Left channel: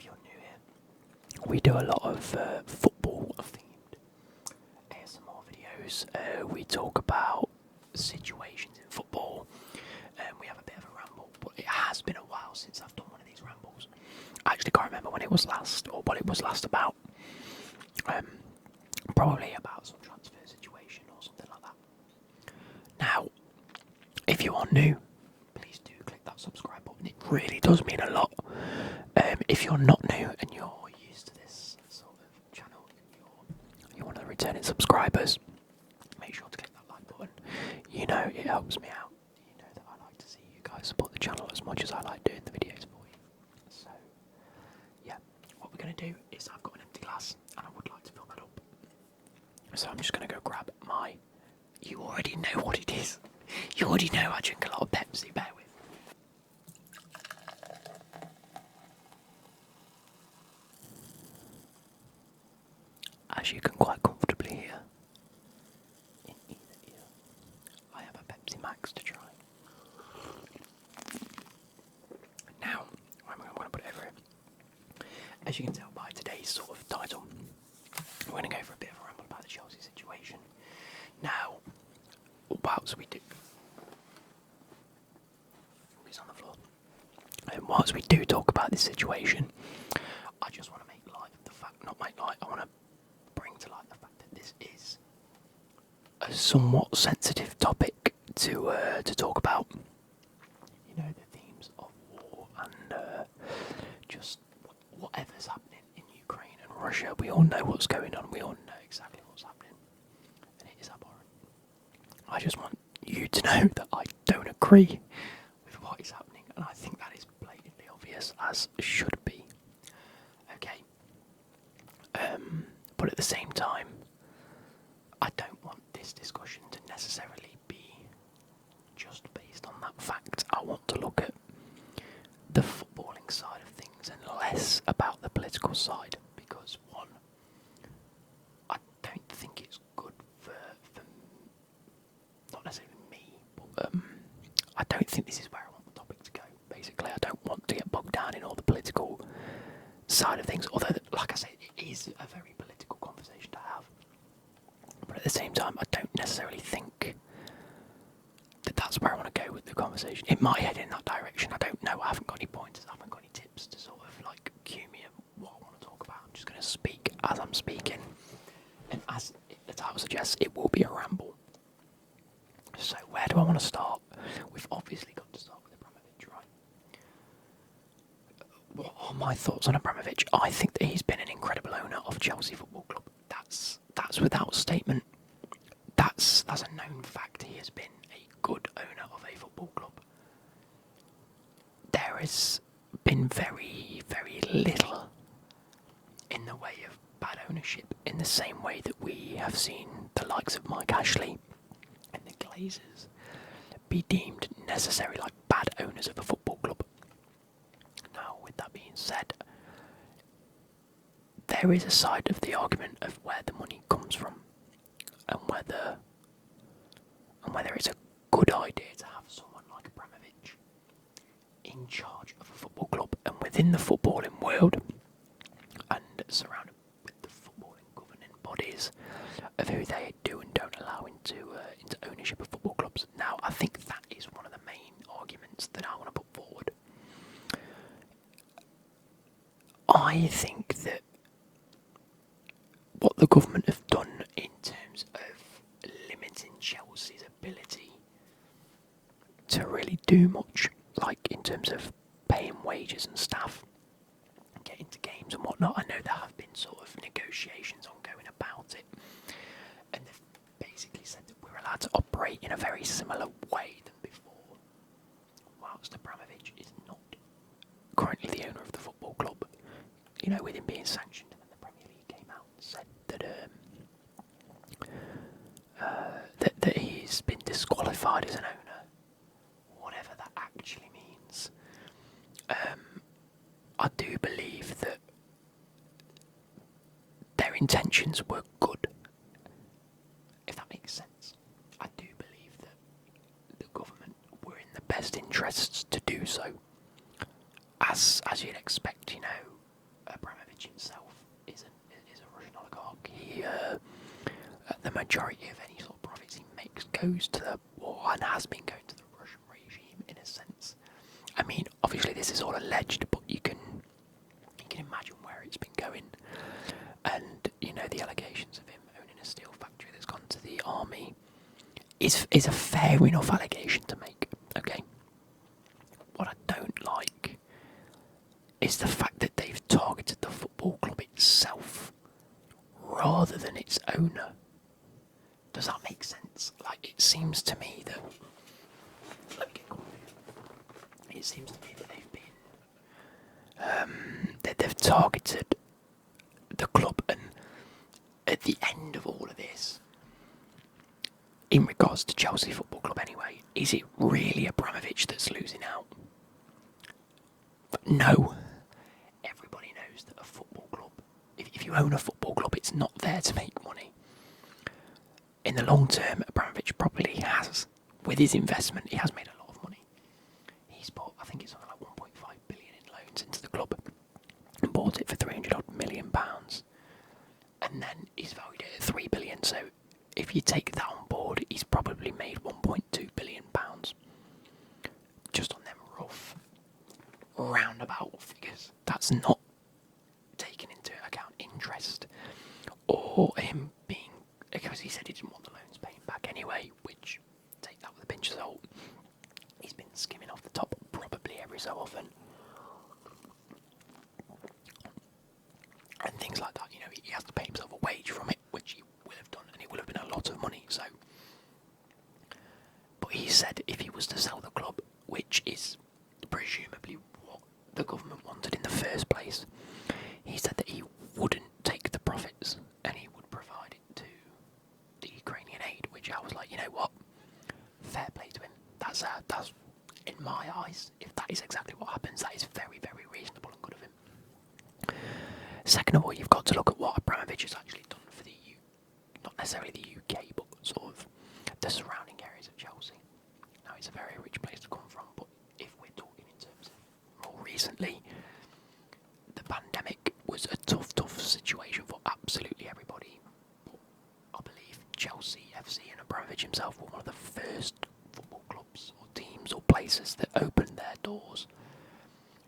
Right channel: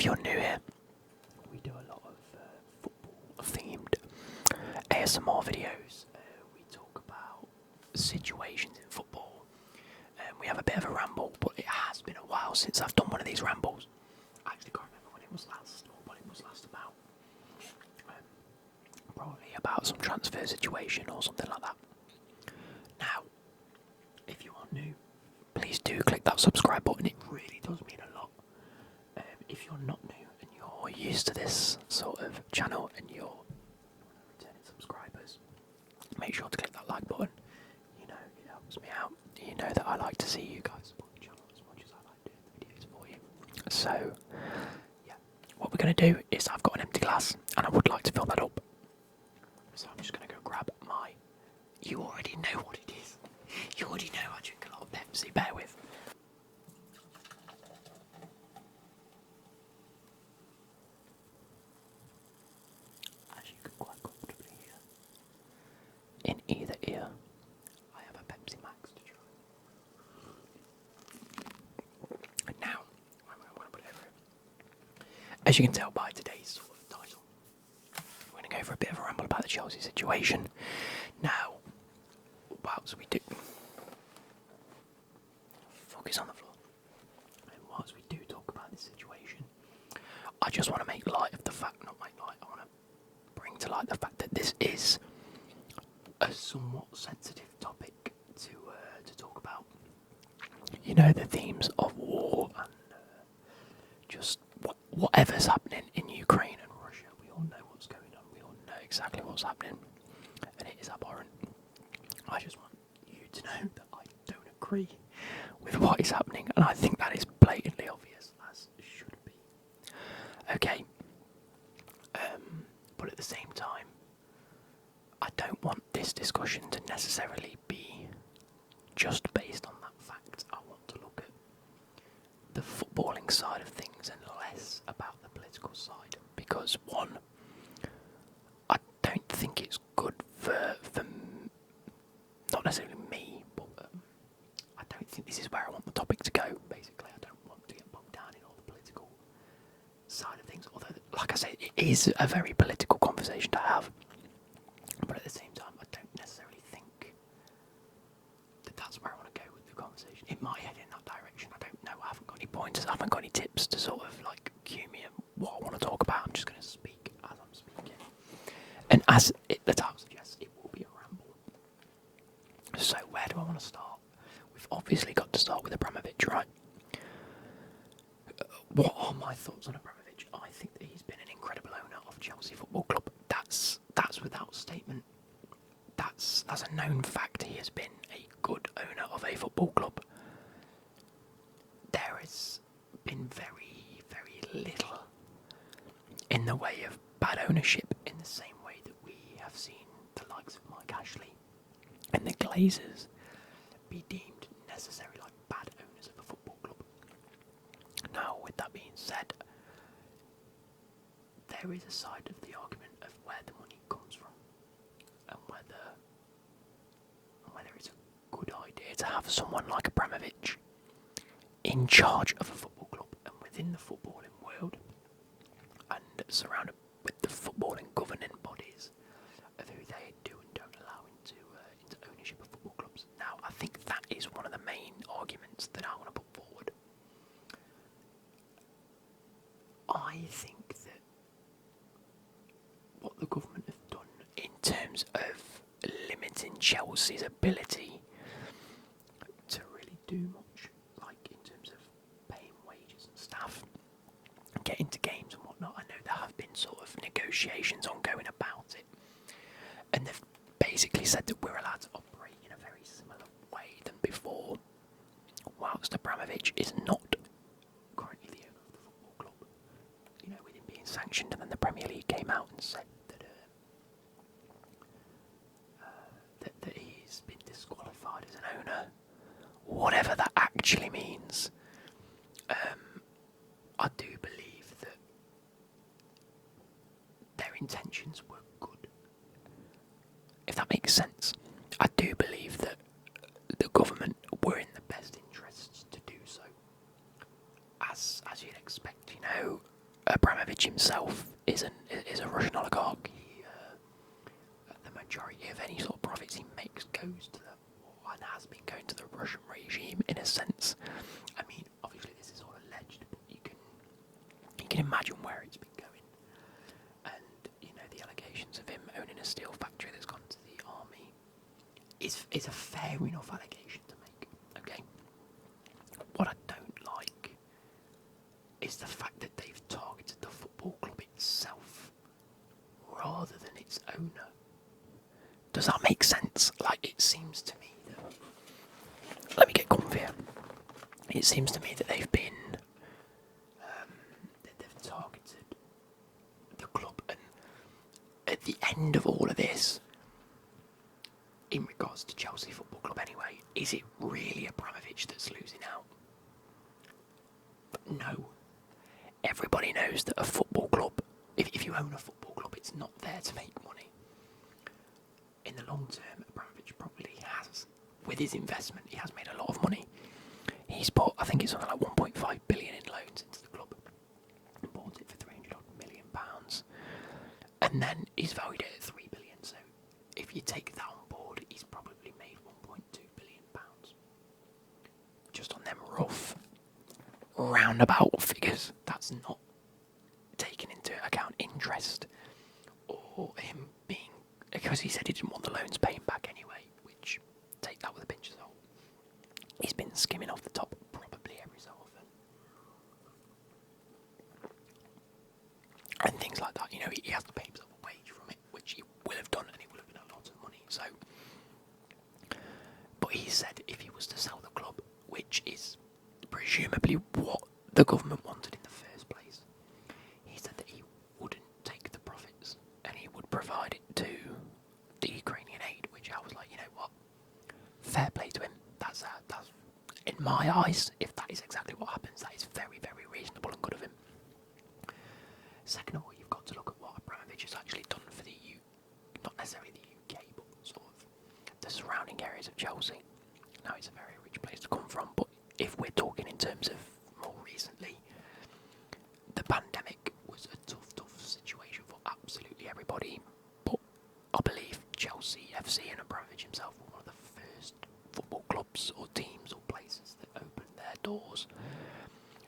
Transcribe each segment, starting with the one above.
if you're new here, we do a lot of football-themed ASMR videos. We talk about situations in football, and we have a bit of a ramble, but it has been a while since I've done one of these rambles. I actually can't remember when it was last, or what it was last about. Probably about some transfer situation or something like that. Now, if you are new, please do click that subscribe button. It really does mean a lot. If you're not new and you're used to this sort of channel and you're one of the returning subscribers, make sure to click that like button. You know it helps me out. You know that I like to see you guys support the channel as much as I like doing the videos for you. So, yeah, what we're going to do is I've got an empty glass and I would like to fill that up. So I'm just going to go grab my... You already know what it is. You already know I drink a lot of Pepsi Bear with. As you can quite comfortably hear, in either ear, I have a Pepsi Max to try. Now, I'm going to put it over here. As you can tell by today's sort of title, we're going to go for a bit of a ramble about the Chelsea situation. Now, whilst we do... Focus on the floor. And whilst we do talk about this situation, I just want to make light of the fact, not make light, I want to bring to light the fact that this is a somewhat sensitive topic to talk about. You know, the themes of war and just whatever's happening in Ukraine and Russia. We all know what's going on. We all know exactly what's happening, and it is abhorrent. I just want you to know that I don't agree with what is happening, and I think that is blatantly obvious, as should be. Okay. But at the same time, I don't want this discussion to necessarily be just based on that fact. I want to look at the footballing side of things and less about the political side, because one, I don't think it's good for not necessarily me, but I don't think this is where I want the topic to go, basically. I don't want to get bogged down in all the political side of things, although, like I said, it is a very political conversation to have. But at the same time, I don't necessarily think that that's where I want to go with the conversation. It might head in that direction, I don't know. I haven't got any pointers, I haven't got any tips to sort of like cue me in what I want to talk about. I'm just going to speak as I'm speaking. And as the title suggests, it will be a ramble. So where do I want to start? We've obviously got to start with Abramovich, right? What are my thoughts on Abramovich? I think that he's been an incredible owner of Chelsea Football Club. That's without statement. That's a known fact. He has been a good owner of a football club. There has been very, very little in the way of bad ownership, in the same way that we have seen the likes of Mike Ashley and the Glazers be deemed necessarily like bad owners of a football club. Now, with that being said, there is a side of the argument of where the money comes from, and whether it's a good idea to have someone like Abramovich in charge of a football club and within the footballing world, and surrounded with the footballing governing bodies of who they do and don't allow into ownership of football clubs. Now, I think that is one of the main arguments that I want to put forward. I think that what the government have done in terms of limiting Chelsea's ability to really do much, like in terms of paying wages and staff, getting to games and whatnot. I know there have been sort of negotiations ongoing about it, and they've basically said that we're allowed to operate in a very similar way than before, whilst Abramovich is not currently the owner of the football club. You know, with him being sanctioned, and then the Premier League came out and said that he's been disqualified as an owner, whatever that actually means. I do believe that their intentions were good, if that makes sense. I do believe that the government were in the best interests to do so. As you'd expect, you know, Abramovich himself is a Russian oligarch. The majority of any sort of profits he makes goes to and has been going to the Russian regime in a sense. I mean, obviously this is all alleged, but you can imagine where it's been going. And the allegations of him owning a steel factory that's gone to the army is a fair enough allegation to make. Okay. What I don't like is the fact that they've targeted the football club itself rather than its owner. Does that make sense? Like, it seems to me that... Let me get comfier. It seems to me that they've been... that they've targeted the club, and at the end of all of this, in regards to Chelsea Football Club anyway, is it really Abramovich that's losing out? No. Everybody knows that a football club, if you own a football club, it's not there to make money. In the long term, Abramovich probably has, with his investment, he has made a lot of money. He's bought, I think it's something like 1.5 billion in loans into the club, and bought it for 300 odd million pounds, and then he's valued it at 3 billion. So if you take that on board, he's probably made 1.2 billion pounds just on them rough roundabout figures. That's not taking into account interest or him being, because he said he didn't want the loans paying back anyway, which, take that with a pinch of salt. He's been skimming off the top probably every so often. And things like that, he has to pay himself a wage from it, which he will have done, and it will have been a lot of money, so. But he said if he was to sell the club, which is presumably what the government wanted in the first place, he said that he wouldn't take the profits, and he would provide it to the Ukrainian aid, which I was like, you know what, fair play to him. That's in my eyes, if that is exactly what happens, that is very, very reasonable and good of him. Second of all, you've got to look at what Abramovich has actually done for the not necessarily the UK, but sort of the surrounding areas of Chelsea. Now, it's a very rich place to come from, but if we're talking in terms of more recently, the pandemic was a tough situation for absolutely everybody, but I believe Chelsea FC and Abramovich himself were one of the first football clubs or teams or places that opened their doors,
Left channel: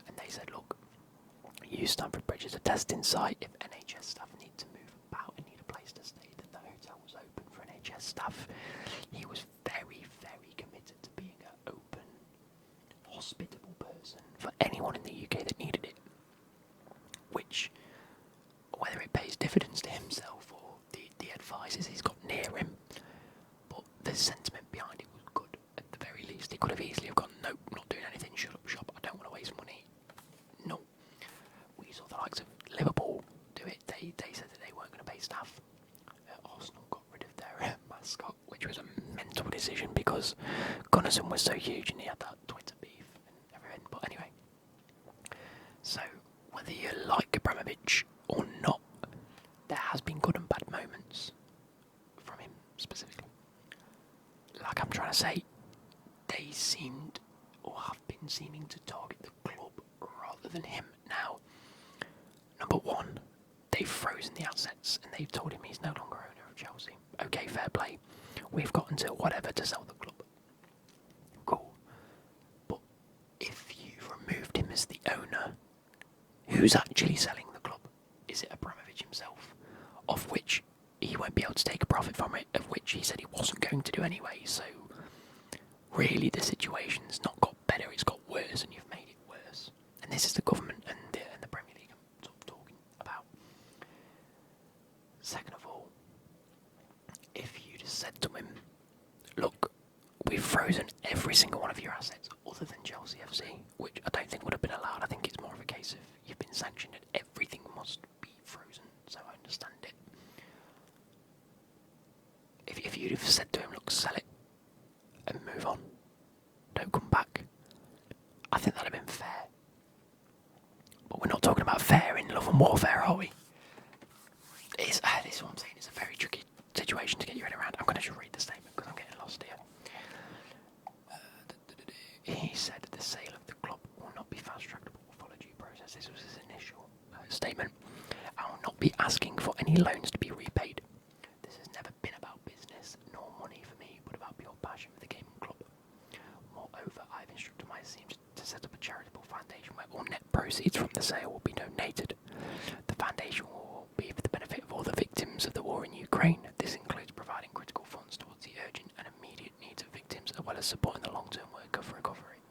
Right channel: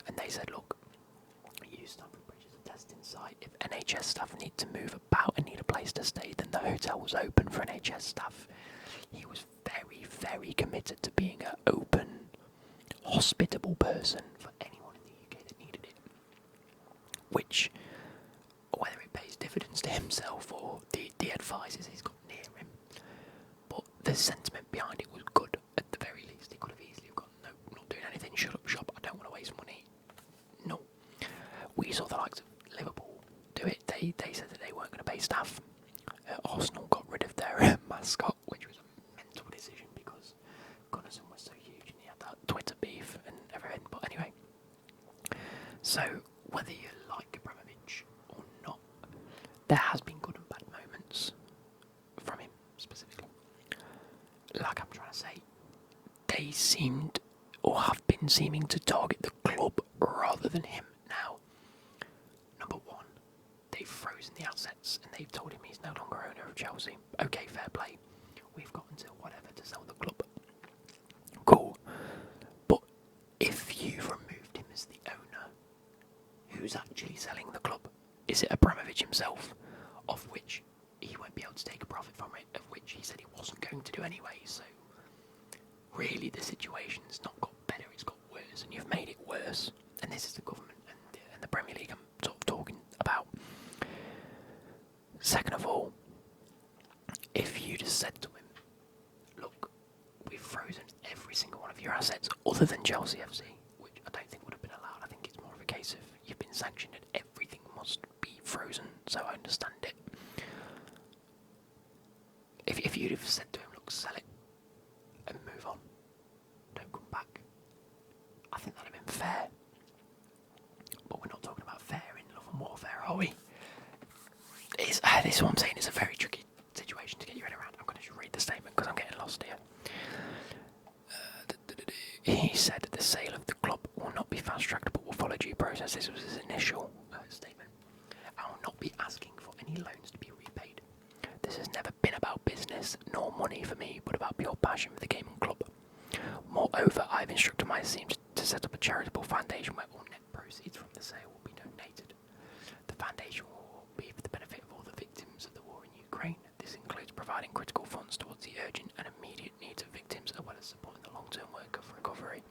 and they said, look, use Stamford Bridge as a testing site. If NHS staff need to move about and need a place to stay, then the hotel was open for NHS staff. He was very, very committed to being an open, hospitable person for anyone in the UK that needed it. Which, whether it pays dividends to himself or the advisors he's got near him, but the sentiment behind it was good at the very least. He could have easily have gone, no, not doing anything, shut up shop, I don't want to waste money. No. We saw the likes of Liverpool do it. They said that they weren't going to pay staff. Arsenal got rid of their mascot, which was a mental decision because Gunnarsson was so huge and he had that Twitter beef and everything. But anyway, so whether you like Abramovich or not, there has been good and bad moments from him specifically. Like I'm trying to say, they seemed or have been seeming to target the club rather than him now. Number one, they've frozen the assets and they've told him he's no longer owner of Chelsea. Okay, fair play. We've got until whatever to sell the club. Cool. But if you've removed him as the owner, who's actually selling the club? Is it Abramovich himself? Of which he won't be able to take a profit from it, of which he said he wasn't going to do anyway, so really the situation's not got better, it's got worse, and you've made it worse. And this is the government and the Premier League I'm sort of talking about. Second of all, if you just said to him, look, we've frozen every single one of your assets other than Chelsea FC, which I don't think would have been allowed. I think it's more of a case of you've been sanctioned and everything must be frozen, so I understand it. If you'd have said to him, look, sell it and move on, don't come back, I think that'd have been fair. But we're not talking about fair in Love and Warfare, are we? This is what I'm saying, it's a very tricky situation to get your head around. I'm going to just read the statement because I'm getting lost here. He said the sale of the club will not be fast-tracked but will follow due process. This was his initial statement. any loans to be repaid. This has never been about business nor money for me, but about pure passion for the game and club. Moreover, I've instructed my team to set up a charitable foundation where all net proceeds from the sale will be donated. The foundation will be for the benefit of all the victims of the war in Ukraine. This includes providing critical funds towards the urgent and immediate needs of victims, as well as supporting the long-term work of recovery.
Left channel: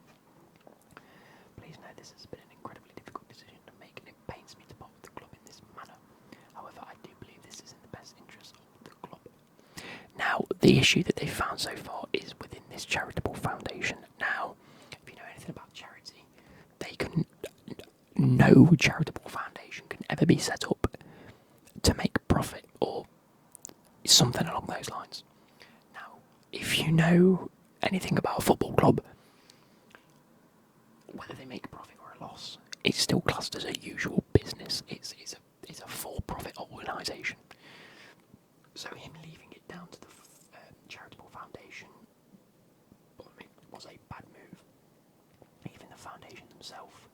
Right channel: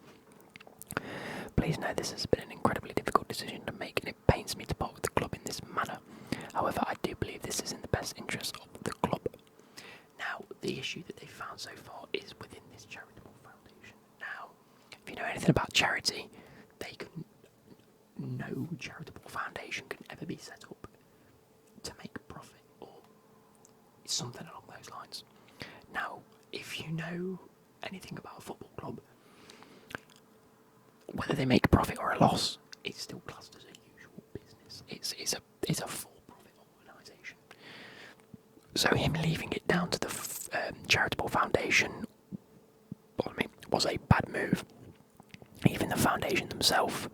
Please know this has been an incredibly difficult decision to make, and it pains me to part with the club in this manner. However, I do believe this is in the best interest of the club. Now, the issue that they've found so far is within this charitable foundation. Now, if you know anything about charity, no charitable foundation can ever be set up to make profit or something along those lines. Now, if you know anything about a football club, whether they make a profit or a loss, it's still classed as a usual business. It's a for-profit organisation. So him leaving it down to the charitable foundation, was a bad move. Even the foundation themselves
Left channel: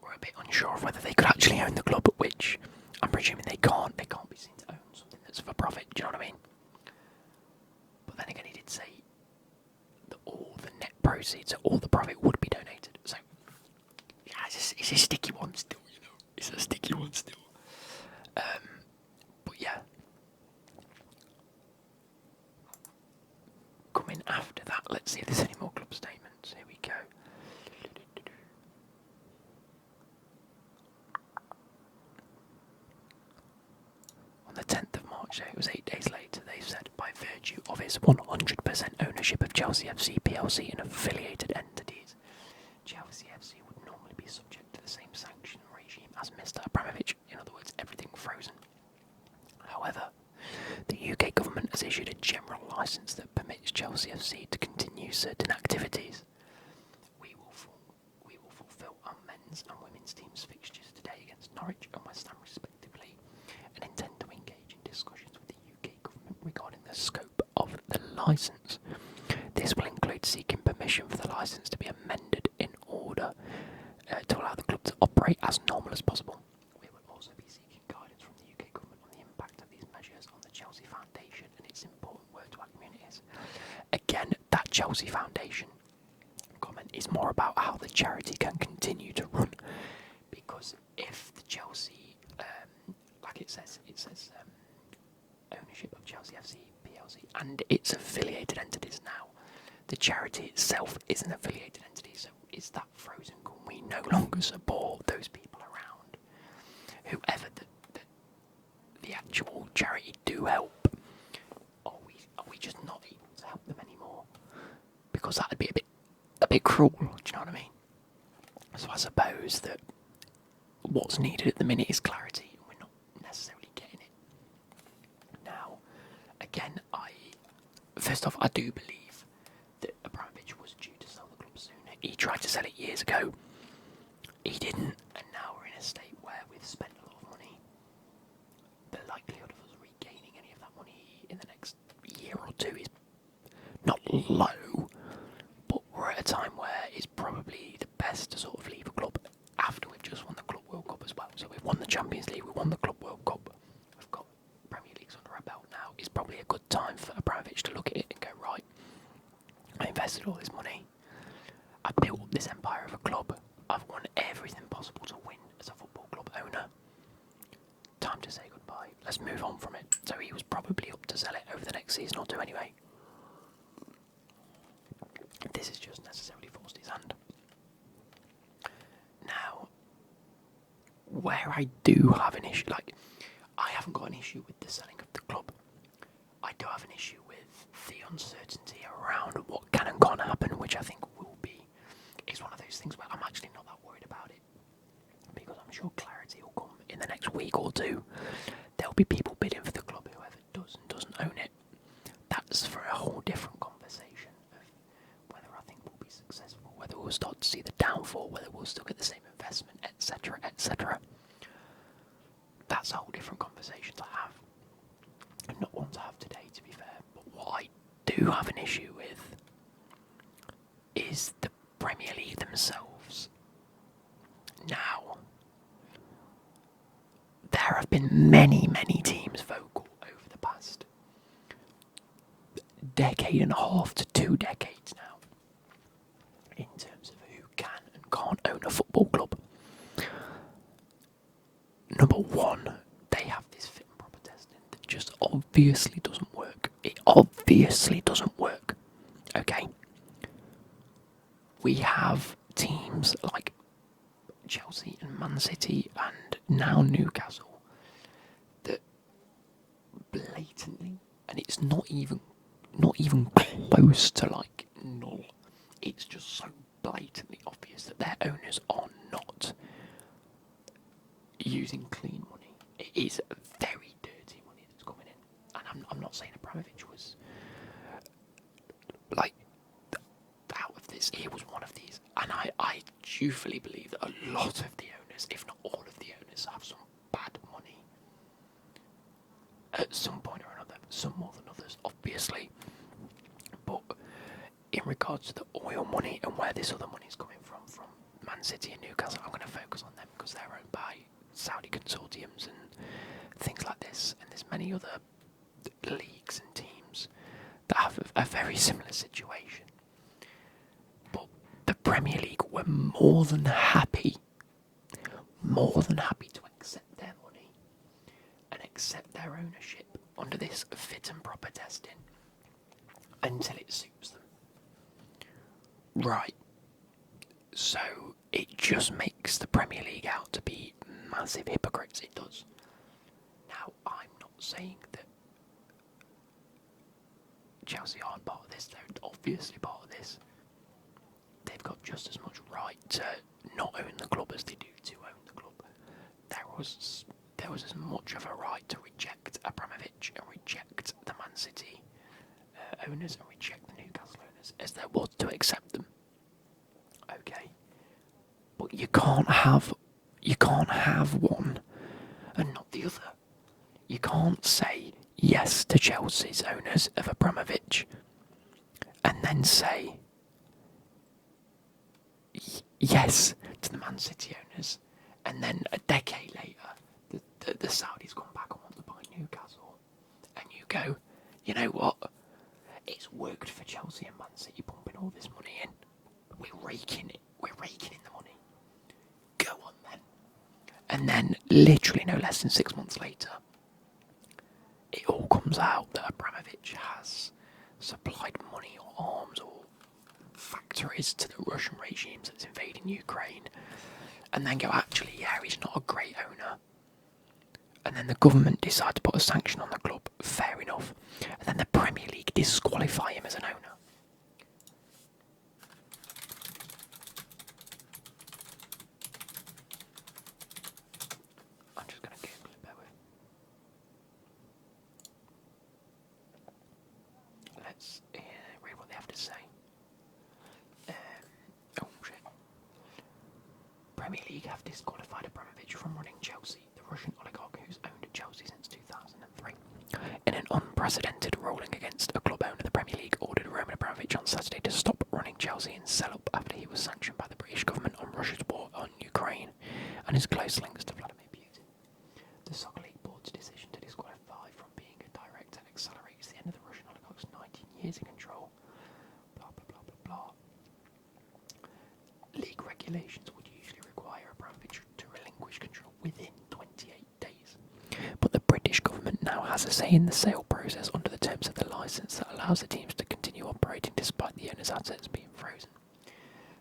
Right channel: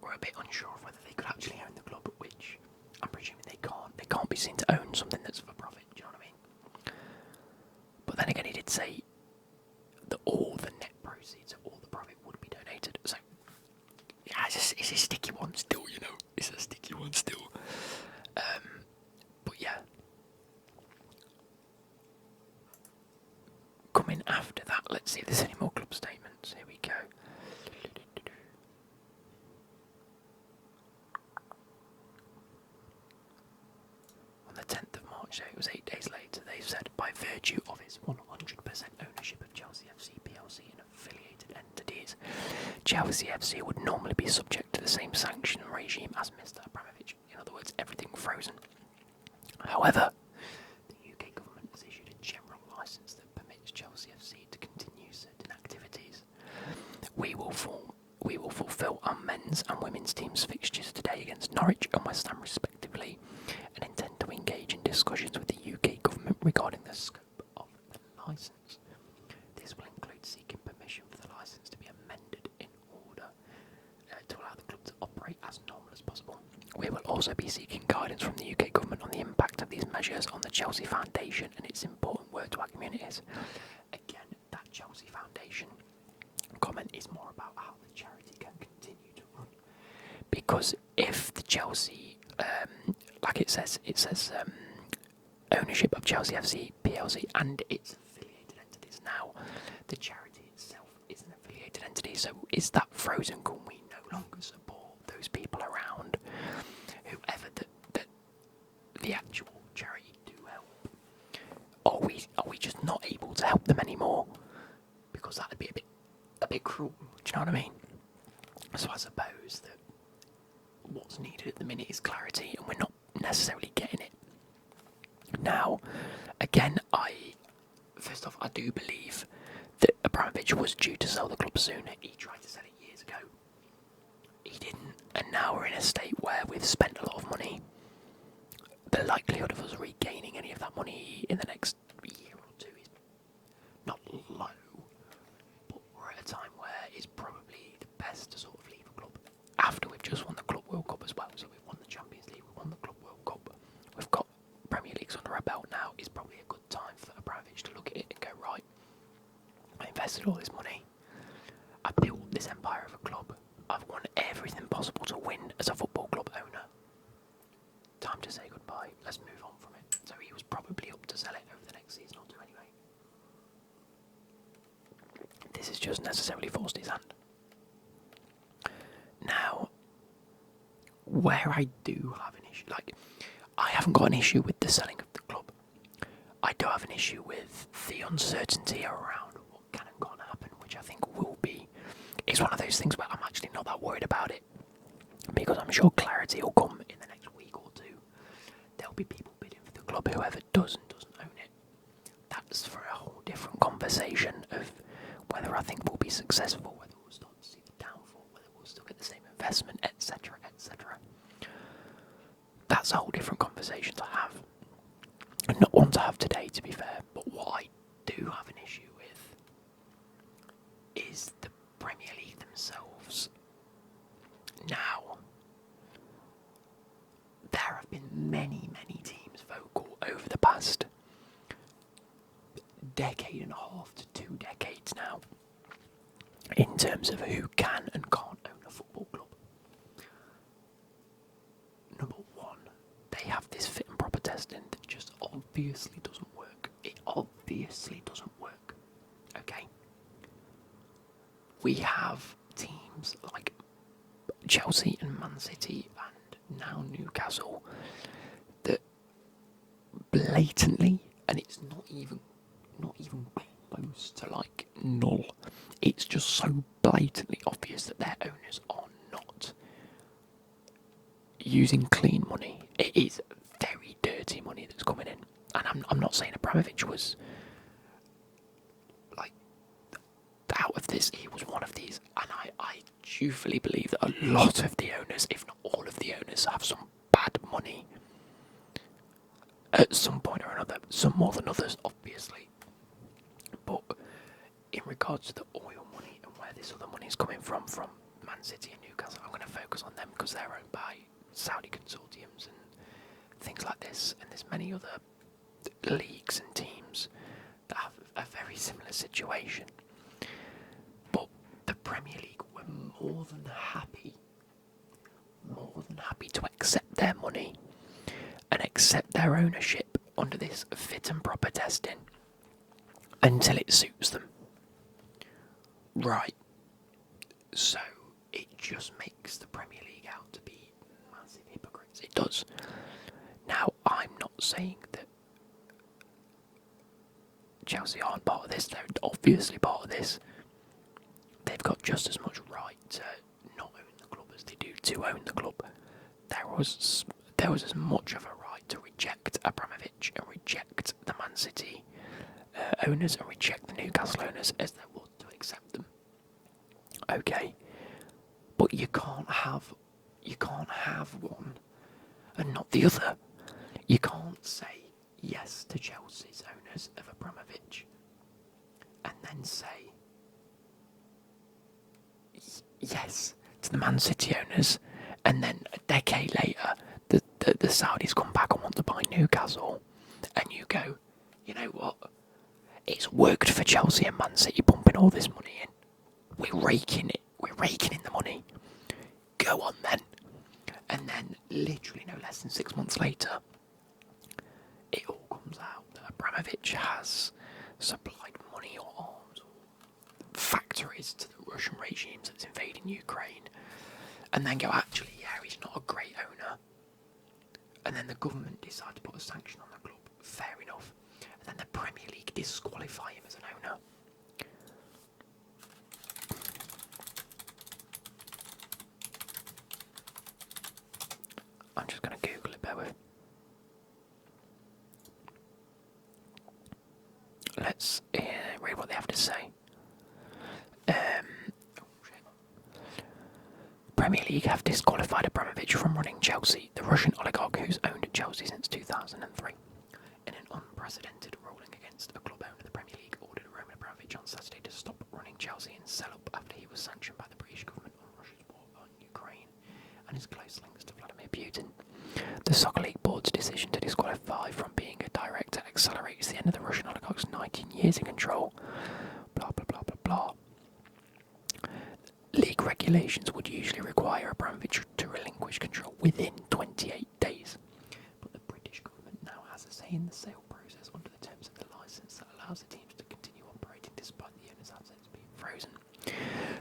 were a bit unsure of whether they could actually own the club, which I'm presuming they can't. They can't be seen to own something that's for profit. Do you know what I mean? But then again, he did say that all the net proceeds, all the profit would be donated. So yeah, it's a sticky one still. It's a sticky one still. But yeah. Coming after that, let's see if there's any more club statements. Here we go. On the 10th of March, so it was 8 days later, they've said, by virtue of its 100% ownership of Chelsea FC plc and affiliated entities, Chelsea FC would normally be subject to the same sanction regime as Mr. Abramovich. In other words, everything frozen. However, the UK government has issued a general licence that permits Chelsea FC to continue certain activities. We will fulfil our men's and women's teams' fixtures today against Norwich and West Ham respectively, and intend to engage in discussions with the UK government regarding the scope of the licence. This will include seeking permission for the licence to be amended in order to allow the club to operate as normal as possible. We will also be seeking guidance from the UK government on the impact of these measures on the Chelsea Foundation and its important work to our communities. Again, that Chelsea Foundation comment is more about how the charity can continue to run. Because if the Chelsea, like it says ownership of Chelsea FC plc and its affiliated entities now, the charity itself is an affiliated entity, so is that frozen? Can we no longer support those people around? Whoever the actual charity do help, are we just not able to help them anymore? Because that'd be a bit cruel. Do you know what I mean? So I suppose that what's needed at the minute is clarity, and we're not necessarily getting it. Now, again, first off, I do believe that Abramovich was due to sell the club sooner. He tried to sell it years ago. He didn't, and now we're in a state where we've spent a lot of money. The likelihood of us regaining any of that money in the next year or two is not low, but we're at a time where it's probably the best to sort of leave a club after we've just won the Club World Cup as well. So we've won the Champions League, we've won the Club World Cup, we've got Premier Leagues under our belt now. It's probably a good time for Abramovich to look at it and go, right, I invested all this money, I built this empire of a club, I've won everything possible to win as a football club owner. Time to say goodbye. Let's move on from it. So he was probably up to sell it over the next season or two anyway. This has just necessarily forced his hand. Now, where I do have an issue, I haven't got an issue with the selling of the club. I do have an issue with the uncertainty around what can and can't happen, which I think will be. It's one of those things where I'm actually not that worried about it, because I'm sure clarity will come in the next week or two. There'll be people bidding for the club, whoever does and doesn't own it. That's for a whole different conversation of whether I think we'll be successful, whether we'll start to see the downfall, whether we'll still get the same investment, etc., etc. That's a whole different conversation to have. And not one to have today, to be fair. But what I do have an issue with is the Premier League themselves. Now, there are have been many, many teams vocal over the past decade and a half to 2 decades now in terms of who can and can't own a football club. Number one, they have this fit and proper testing that just obviously doesn't work. It obviously doesn't work. Okay? We have teams like Chelsea and Man City and now Newcastle that blatantly, and it's not even close to like null, it's just so blatantly obvious that their owners are not using clean money. It is very dirty money that's coming in, and I'm not saying Abramovich was like out of this. He was one of these, and I truthfully believe that a lot of the owners, if not all of the owners, have some bad money at some point or another. Some more than others, obviously, but in regards to the oil money and where this other money is coming from Man City and Newcastle, I'm going to focus on them because they're owned by Saudi consortiums and things like this, and there's many other leagues and teams that have a very similar situation. But the Premier League were more than happy to accept their money and accept their ownership under this fit and proper testing until it suits them. Right. So it just makes the Premier League out to be massive hypocrites. It does. Now, I'm not saying that Chelsea aren't part of this. They're obviously part of this. They've got just as much right to not own the club as they do to own the club. There was as much of a right to reject Abramovich and reject the Man City owners and reject the Newcastle owners as there was to accept them. Okay, but you can't have one and not the other. You can't say yes to Chelsea's owners of Abramovich and then say yes to the Man City owners, and then a decade later the Saudis come back and want to buy Newcastle, and you go, you know what? It's worked for Chelsea and Man City pumping all this money in. We're raking in the money. Go on then. And then, literally no less than 6 months later, it all comes out that Abramovich has supplied money or arms or factories to the Russian regime that's invading Ukraine. And then go, actually, yeah, he's not a great owner. And then the government decide to put a sanction on the club. Fair enough. And then the Premier League disqualify him as an owner. I'm just going to Google it, bear with. Let's read what they have to say. Premier League have disqualified Abramovich from running Chelsea, the Russian oligarch who's owned Chelsea since 2003. In an unprecedented ruling against a club owner, the Premier League ordered Roman Abramovich on Saturday to stop running Chelsea and sell up after he was sanctioned by the British government on Russia's war on Ukraine and his close links to Vladimir Putin. The Soccer League Board's decision to disqualify from being a director accelerates the end of the Russian oligarch's 19 years in control. Blah, blah, blah, blah, blah. League regulations would usually require Abramovich to relinquish control within 28 days. But the British government now has a say in the sale process under the terms of the licence that allows the teams to continue operating despite the owner's assets being frozen.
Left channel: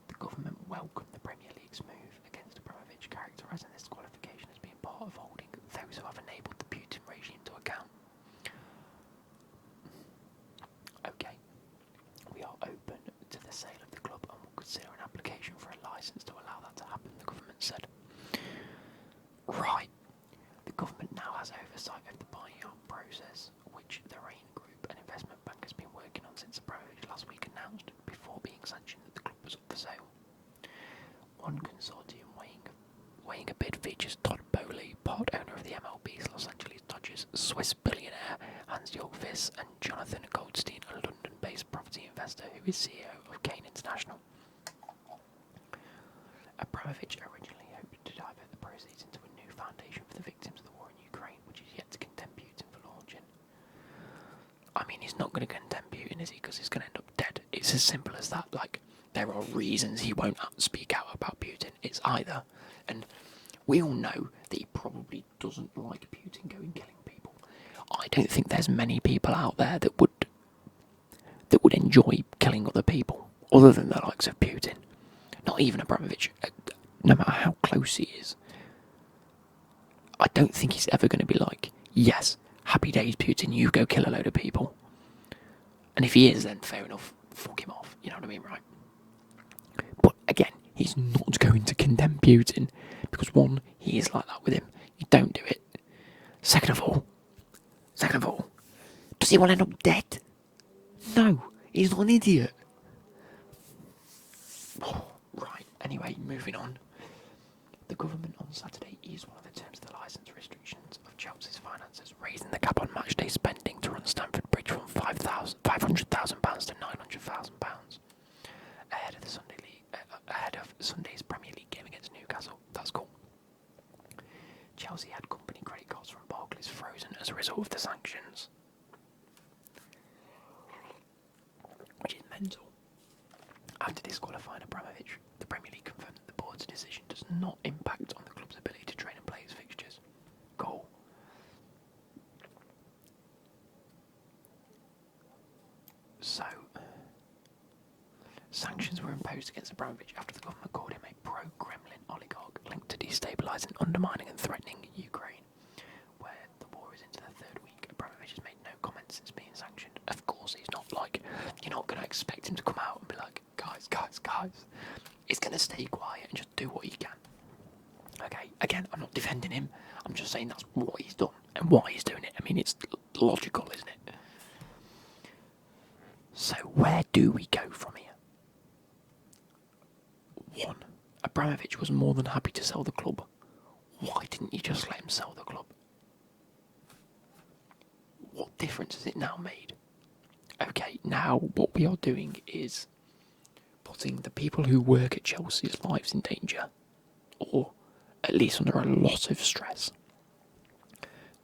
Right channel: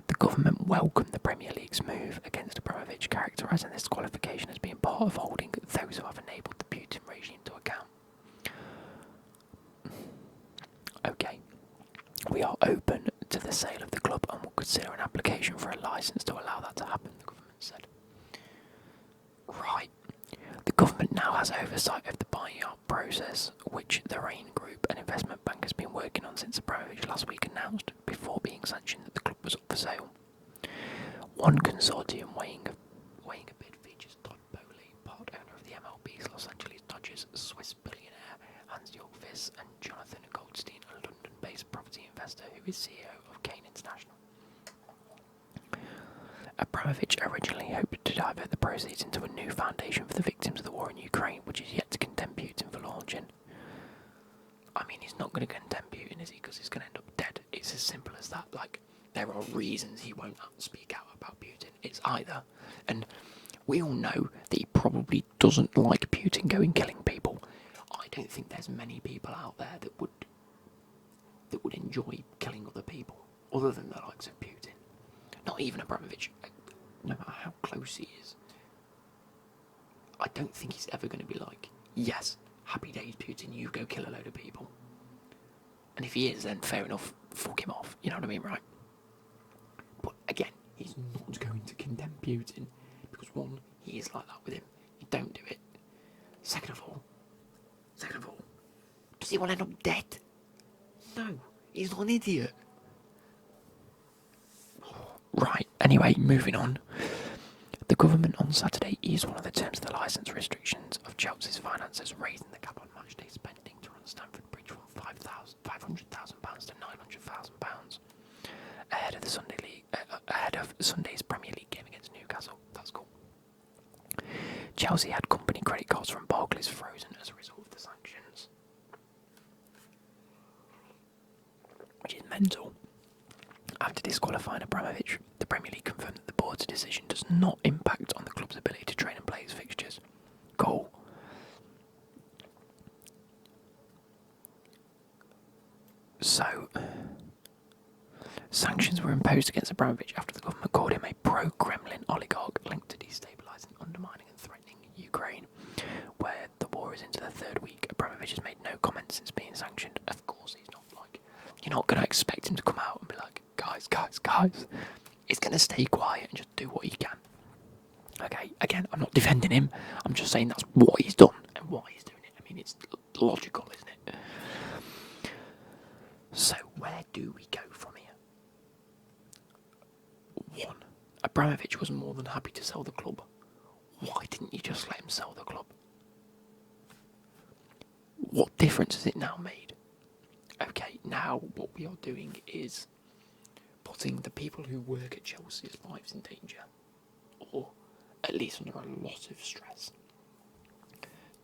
The government welcomed the Premier League's move against Abramovich, characterising this qualification as being part of holding those who have enabled the Putin regime to account. Okay, we are open to the sale of the club and will consider an application for a licence to allow that to happen, the government said. Right. The government now has oversight of the buying out process, which the Rain Group, an investment bank, has been working on since Abramovich last week announced, before being sanctioned, that the club was up for sale. One consortium weighing a bid features Todd Bowley, part owner of the MLB's Los Angeles Dodgers, Swiss billionaire Hans Jolfis, and Jonathan Goldstein, a London-based property investor who is CEO of Kane International. Abramovich originally hoped to to divert the proceeds into a new foundation for the victims of the war in Ukraine, which is yet to condemn Putin for launching. I mean, he's not going to condemn Putin, is he? Because he's going to end up dead. It's as simple as that. Like, there are reasons he won't speak out about Putin. It's either, and we all know that he probably doesn't like Putin going killing people. I don't think there's many people out there that would enjoy killing other people, other than the likes of Putin. Not even Abramovich, no matter how close he is. I don't think he's ever going to be like, yes, happy days, Putin, you go kill a load of people. And if he is, then fair enough, fuck him off, you know what I mean, right? But again, he's not going to condemn Putin, because one, he is like that with him. You don't do it. Second of all, does he want to end up dead? No, he's not an idiot. Right, anyway, moving on. The government on Saturday eased one of the terms of the licence restrictions of Chelsea's finances, raising the cap on matchday spending to run Stamford Bridge from £500,000 to £900,000 ahead of Sunday's Premier League game against Newcastle. That's cool. Chelsea had company credit cards from Barclays frozen as a result of the sanctions, which is mental. After disqualifying Abramovich, the Premier League confirmed that the board's decision does not impact on the club's ability to train and play its fixtures. Goal. So, sanctions were imposed against Abramovich after the government called him a pro-Kremlin oligarch linked to destabilising, undermining and threatening Ukraine, where the war is into the third week. Abramovich has made no comments since being sanctioned. Of course, he's not like, you're not going to expect him to come out and be like, guys. He's going to stay quiet and just do what he can. Okay, again, I'm not defending him. I'm just saying that's what he's done and why he's doing it. I mean, it's logical, isn't it? So, where do we go from here? 1. Abramovich was more than happy to sell the club. Why didn't you just let him sell the club? What difference has it now made? Okay, now what we are doing is putting the people who work at Chelsea's lives in danger, or at least under a lot of stress.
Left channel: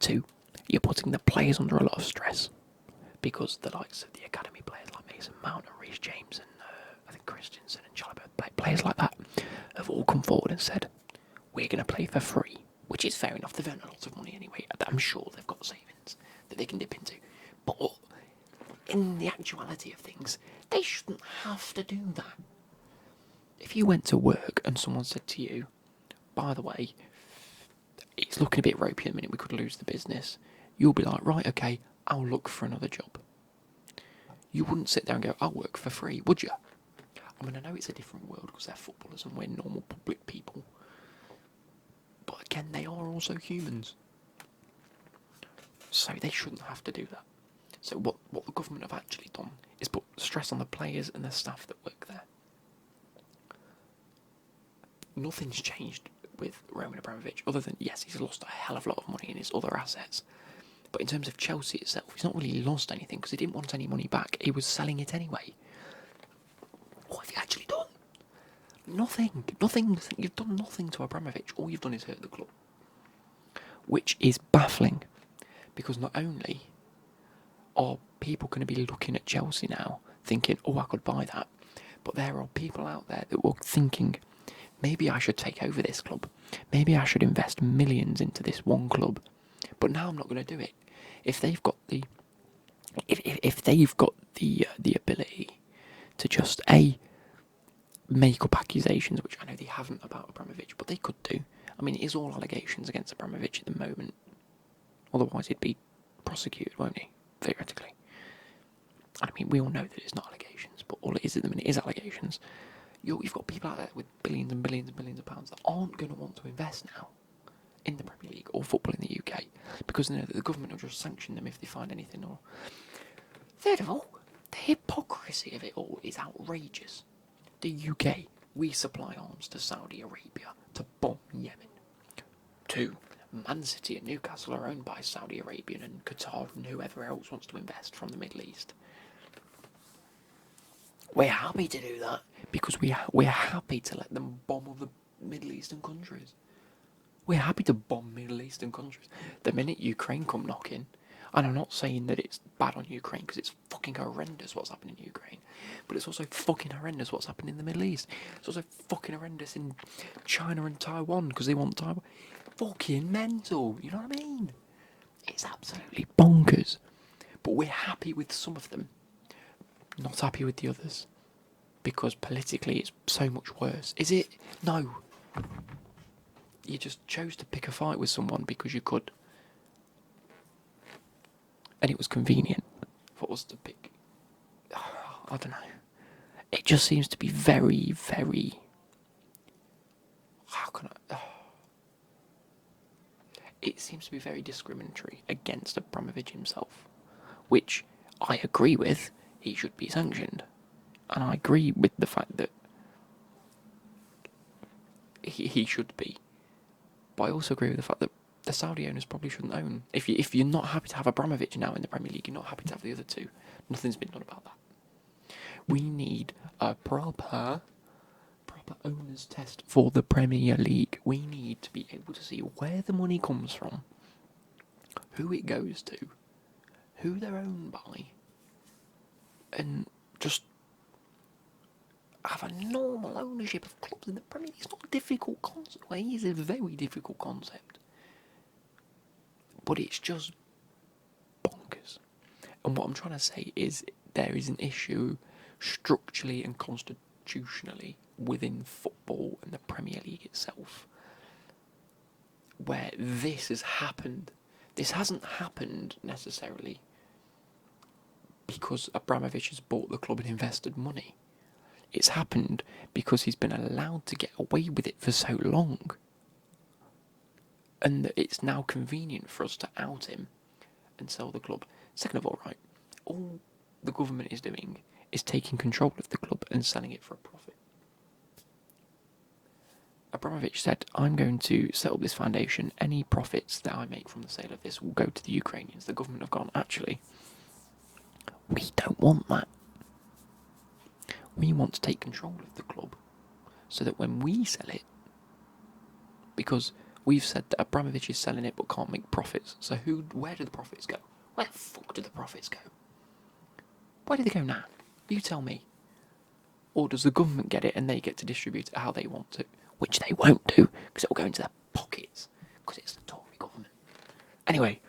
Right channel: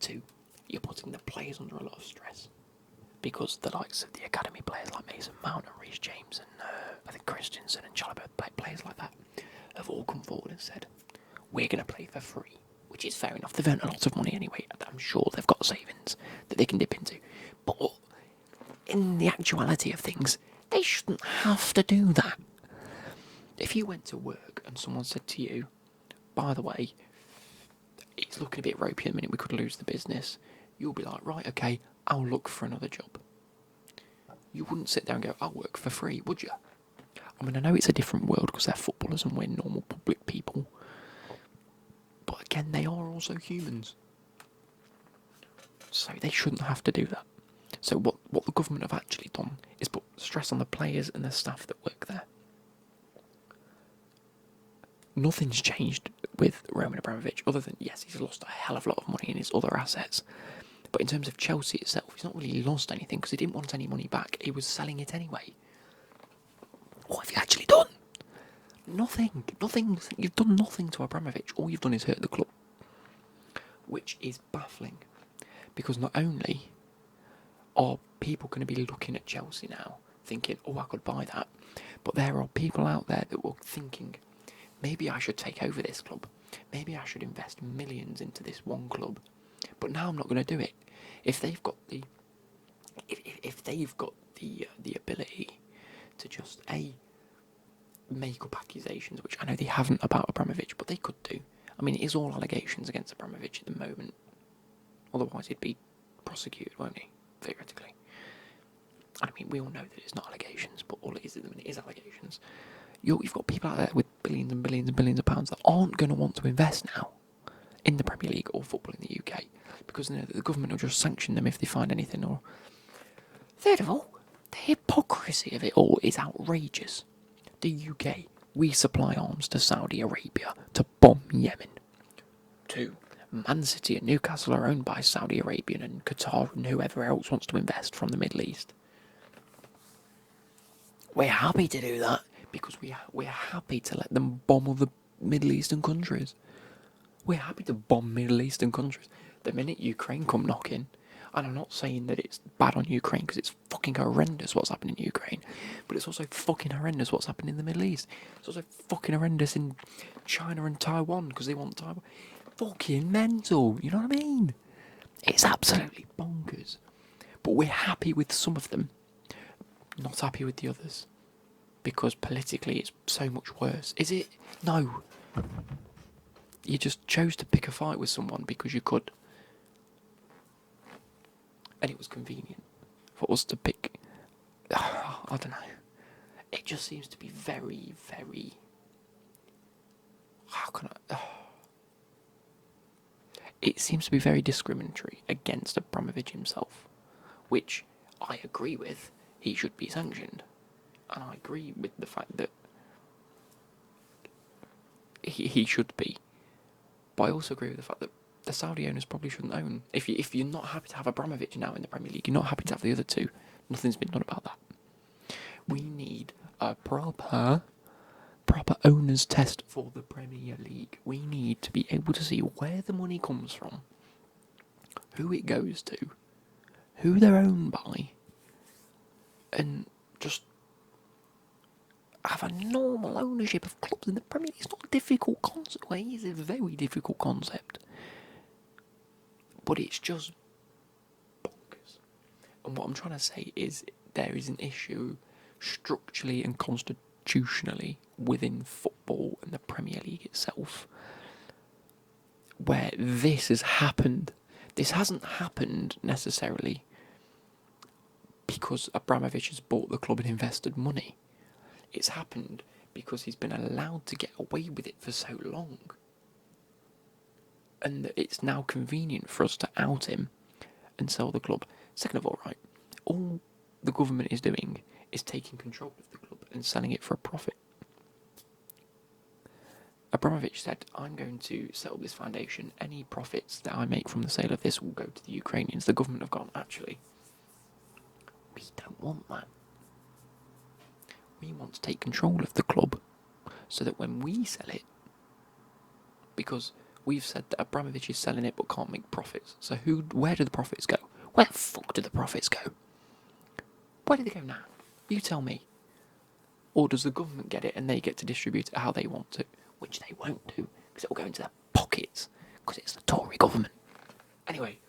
2, you're putting the players under a lot of stress, because the likes of the academy players like Mason Mount and Reece James and I think Christensen and Chalobah, players like that, have all come forward and said, we're going to play for free, which is fair enough. They've earned a lot of money anyway. I'm sure they've got savings that they can dip into. But in the actuality of things, they shouldn't have to do that. If you went to work and someone said to you, by the way, it's looking a bit ropey at the minute, we could lose the business, you'll be like, right, okay, I'll look for another job. You wouldn't sit there and go, I'll work for free, would you? I mean, I know it's a different world because they're footballers and we're normal public people. But again, they are also humans. So they shouldn't have to do that. So what the government have actually done is put stress on the players and the staff that work there. Nothing's changed with Roman Abramovich other than, yes, he's lost a hell of a lot of money in his other assets. But in terms of Chelsea itself, he's not really lost anything because he didn't want any money back. He was selling it anyway. What have you actually done? Nothing. You've done nothing to Abramovich. All you've done is hurt the club. Which is baffling. Because not only are people going to be looking at Chelsea now, thinking, oh, I could buy that. But there are people out there that were thinking, maybe I should take over this club. Maybe I should invest millions into this one club. But now I'm not going to do it. If they've got the, if they've got the ability to just make up accusations, which I know they haven't about Abramovich, but they could do. I mean, it is all allegations against Abramovich at the moment. Otherwise, he'd be prosecuted, won't he? Theoretically. I mean, we all know that it's not allegations, but all it is at the minute is allegations. You've got people out there with billions and billions and billions of pounds that aren't going to want to invest now in the Premier League or football in the UK because they know that the government will just sanction them if they find anything. Or third of all, the hypocrisy of it all is outrageous. The UK, we supply arms to Saudi Arabia to bomb Yemen. 2, Man City and Newcastle are owned by Saudi Arabian and Qatar and whoever else wants to invest from the Middle East. We're happy to do that because we're happy to let them bomb other Middle Eastern countries. We're happy to bomb Middle Eastern countries. The minute Ukraine come knocking, and I'm not saying that it's bad on Ukraine because it's fucking horrendous what's happening in Ukraine, but it's also fucking horrendous what's happening in the Middle East. It's also fucking horrendous in China and Taiwan because they want Taiwan. Fucking mental, you know what I mean? It's absolutely bonkers. But we're happy with some of them, not happy with the others. Because politically it's so much worse. Is it? No. You just chose to pick a fight with someone because you could. And it was convenient for us to pick. I don't know. It just seems to be very, very. How can I. It seems to be very discriminatory against Abramovich himself. Which I agree with. He should be sanctioned. And I agree with the fact that he should be. But I also agree with the fact that the Saudi owners probably shouldn't own. If you're not happy to have Abramovich now in the Premier League, you're not happy to have the other two. Nothing's been done about that. We need a proper owners test for the Premier League. We need to be able to see where the money comes from, who it goes to, who they're owned by, and just have a normal ownership of clubs in the Premier League. It's not a difficult concept. Well, it is a very difficult concept. But it's just bonkers. And what I'm trying to say is there is an issue structurally and constitutionally within football and the Premier League itself where this has happened. This hasn't happened necessarily because Abramovich has bought the club and invested money. It's happened because he's been allowed to get away with it for so long. And that it's now convenient for us to out him and sell the club. Second of all, right, all the government is doing is taking control of the club and selling it for a profit. Abramovich said, I'm going to set up this foundation. Any profits that I make from the sale of this will go to the Ukrainians. The government have gone, actually, we don't want that. We want to take control of the club so that when we sell it, because we've said that Abramovich is selling it but can't make profits, so where do the profits go? Where the fuck do the profits go? Where do they go now? You tell me. Or does the government get it and they get to distribute it how they want to? Which they won't do, because it will go into their pockets, because it's the Tory government. Anyway,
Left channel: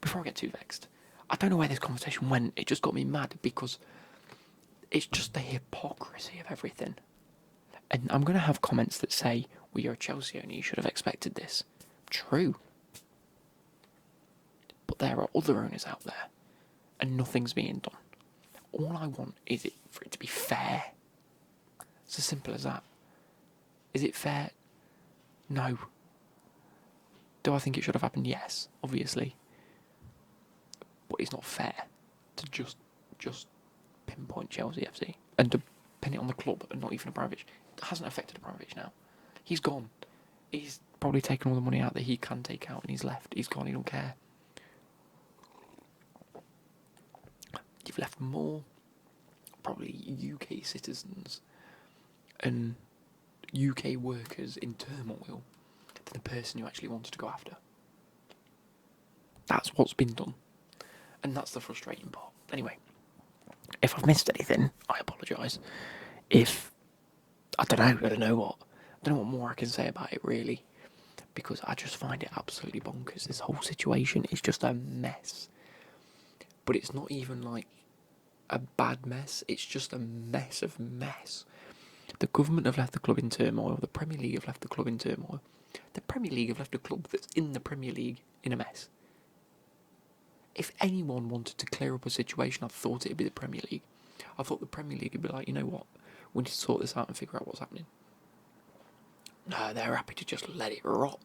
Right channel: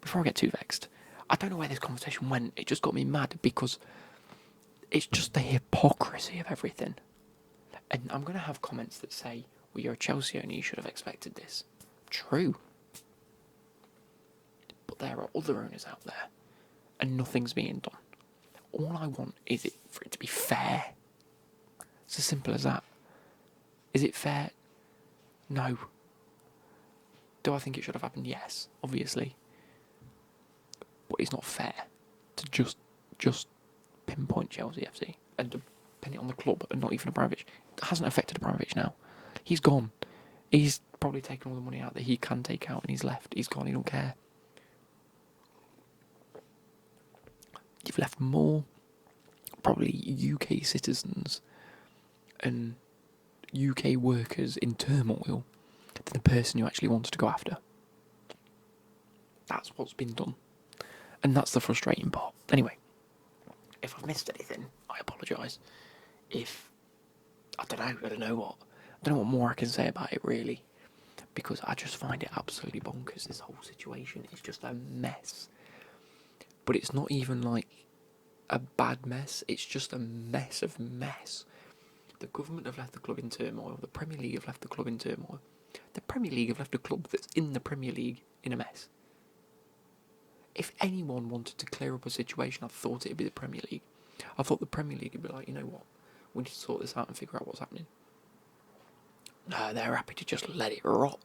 before I get too vexed, I don't know where this conversation went. It just got me mad because it's just the hypocrisy of everything. And I'm going to have comments that say, well, you're a Chelsea owner, you should have expected this. True. But there are other owners out there, and nothing's being done. All I want is for it to be fair. It's as simple as that. Is it fair? No. Do I think it should have happened? Yes, obviously. But it's not fair to just pinpoint Chelsea FC and to pin it on the club and not even Abramovich. It hasn't affected Abramovich now. He's gone. He's probably taken all the money out that he can take out and he's left. He's gone, he don't care. You've left more probably UK citizens and UK workers in turmoil than the person you actually wanted to go after. That's what's been done. And that's the frustrating part. Anyway, if I've missed anything, I apologise. I don't know what more I can say about it really. Because I just find it absolutely bonkers. This whole situation is just a mess. But it's not even like a bad mess, it's just a mess of mess. The government have left the club in turmoil, the Premier League have left the club in turmoil. The Premier League have left a club that's in the Premier League in a mess. If anyone wanted to clear up a situation, I thought it'd be the Premier League. I thought the Premier League would be like, you know what, we need to sort this out and figure out what's happening. No, they're happy to just let it rot,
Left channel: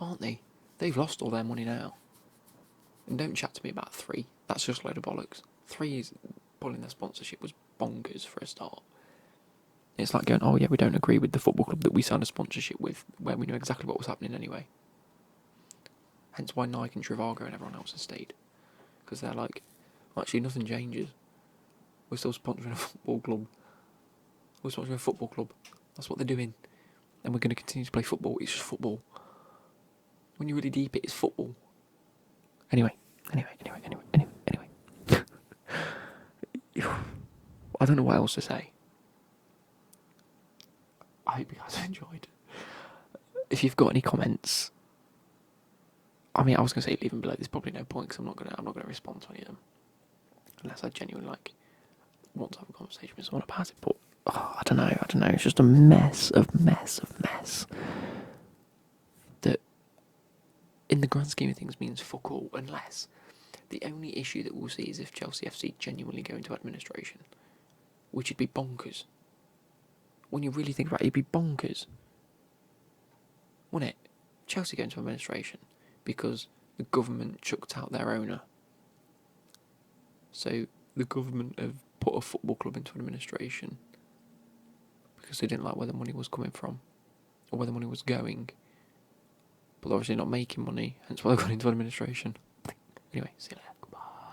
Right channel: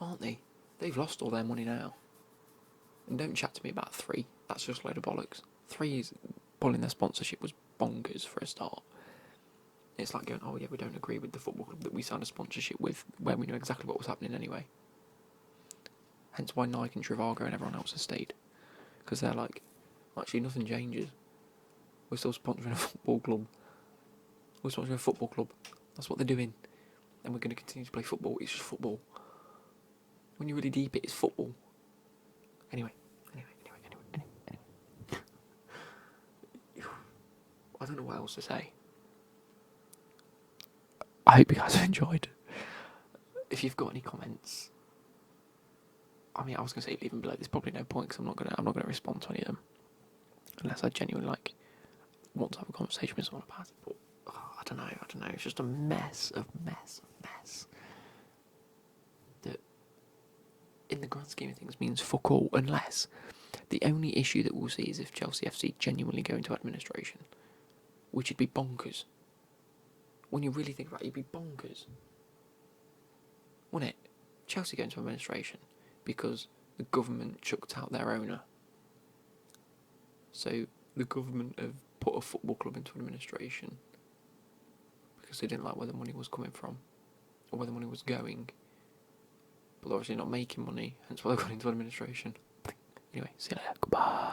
aren't they? They've lost all their money now. And don't chat to me about 3. That's just a load of bollocks. 3 is pulling their sponsorship was bonkers for a start. It's like going, oh yeah, we don't agree with the football club that we signed a sponsorship with, where we knew exactly what was happening anyway. Hence why Nike and Trivago and everyone else has stayed. Because they're like, well, actually nothing changes. We're still sponsoring a football club. We're sponsoring a football club. That's what they're doing. And we're going to continue to play football. It's just football. When you really deep it is football. Anyway. I don't know what else to say. I hope you guys have enjoyed. If you've got any comments, I mean, I was gonna say leave them below. There's probably no point because I'm not gonna respond to any of them unless I genuinely want to have a conversation with someone about it. But I don't know. It's just a mess that, in the grand scheme of things, means fuck all. Unless the only issue that we'll see is if Chelsea FC genuinely go into administration, which would be bonkers. When you really think about it, it'd be bonkers, wouldn't it? Chelsea go into administration because the government chucked out their owner. So the government have put a football club into administration because they didn't like where the money was coming from or where the money was going. But they're obviously not making money, hence why they've gone into administration. Anyway, see you later. Goodbye.